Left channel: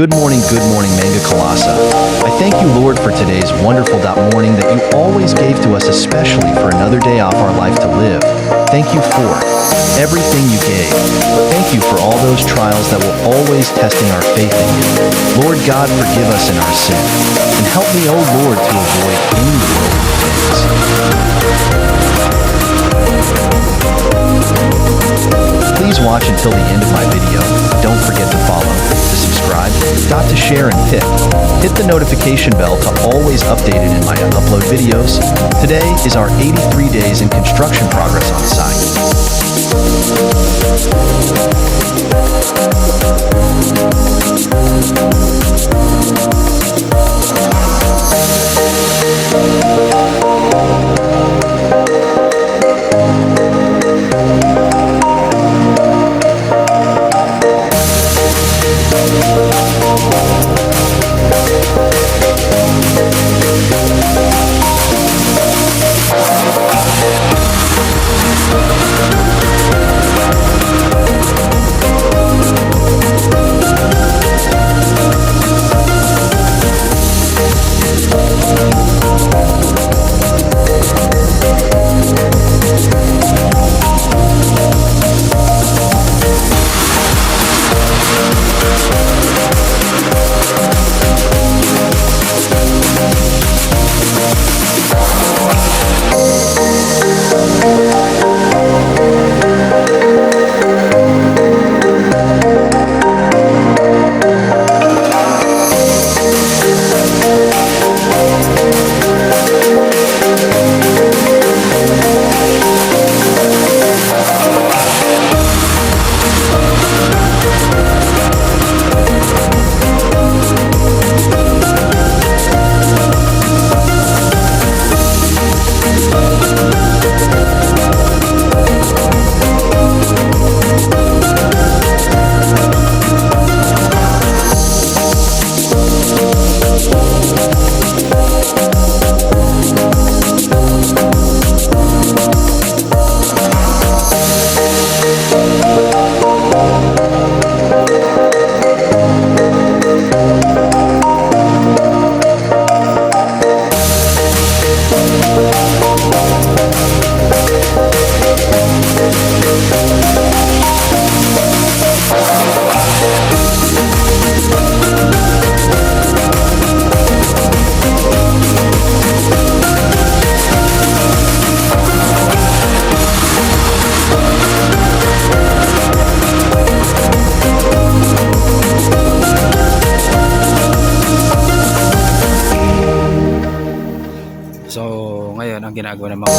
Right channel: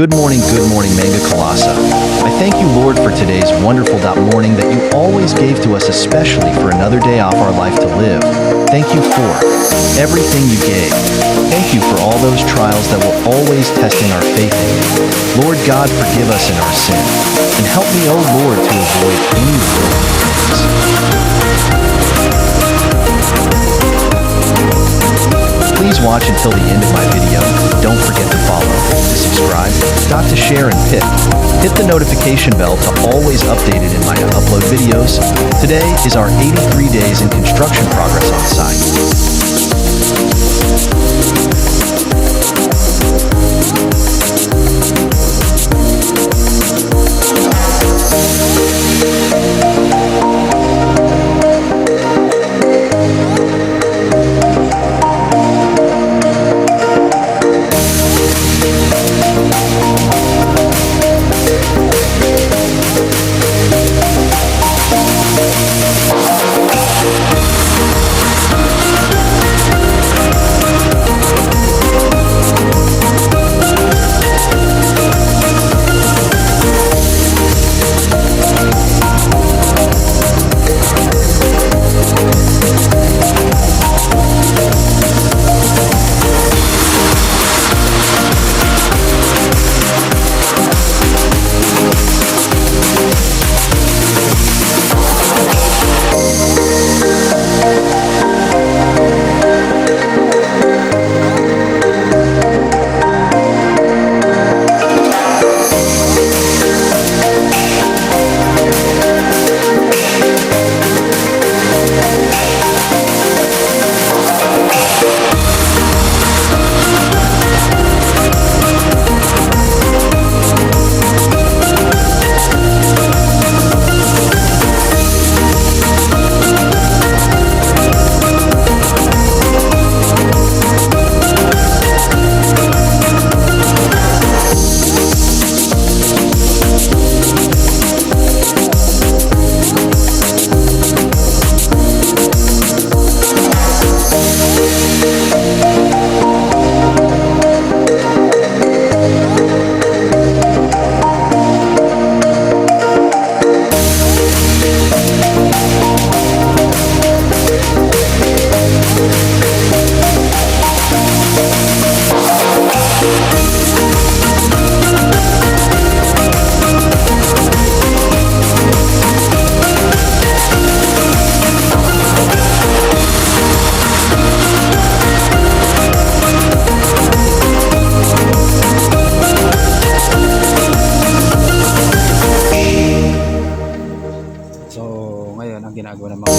Good morning, Manga Kalasa. I thank you, Lord, for today's wonderful morning that you always gave to us, especially for another day off our life to live. Thank you for everything you gave. Thank you for all those trials that were always testing our faith in you. Lord God, forgive us in our sin, and help me, O Lord, to avoid any worldly things. Please watch until the end of my video. Don't forget to follow, to subscribe, to share, and hit the notification bell to always updated in my upload videos. Today is our 83 days in construction progress on site. So, ngayon ang ginagawa ng mga